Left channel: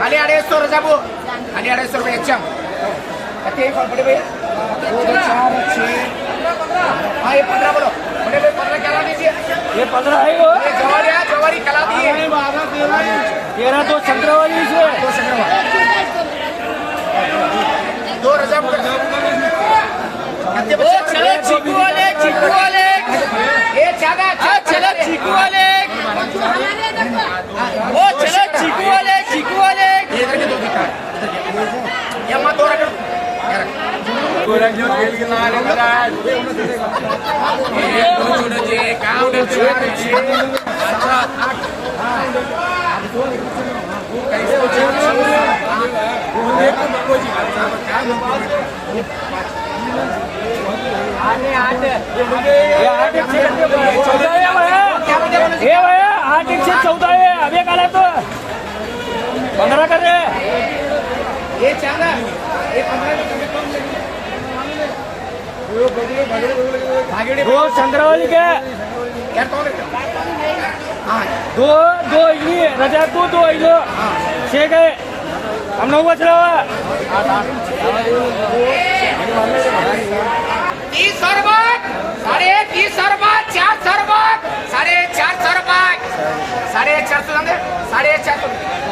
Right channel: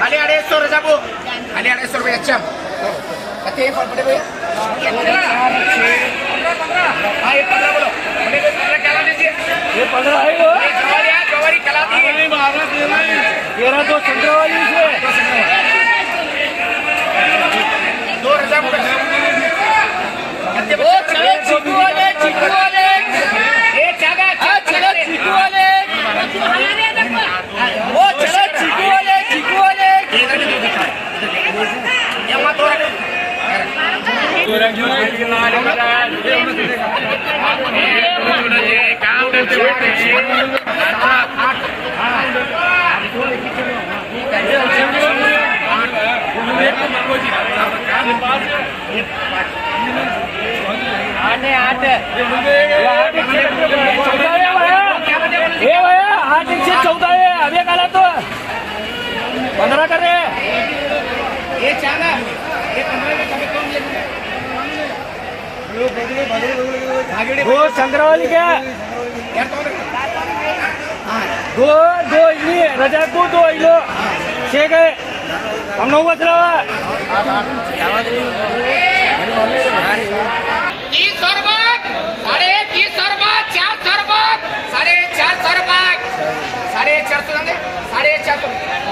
खाली 250 रजा बो खाली 250 रुपये अच्छा कते बड़े भैया 15 बोलो बड़े भाई 15 क्या लीजिए ये 15 है ये जवारी कला दी 12 13 तो संग्रहवाली से तो संग्रहवाली 2 रजा बो कते बच्चे चिकू वाले ये जागा चले चिकू वाले वो चले चिकू वाले इधर के दो दिखा ये मत दो रखो आठ 14 है अभी काला तो 15 कर रहे ये चांगा ये 15 में कम वो संग्रहवाली के यार तो दो इडली रजा दो इडली छह गए हम लोग बच रहा है 30 रुपए 30 रुपए 400 रुपए 450 रुपए 450 समझे 450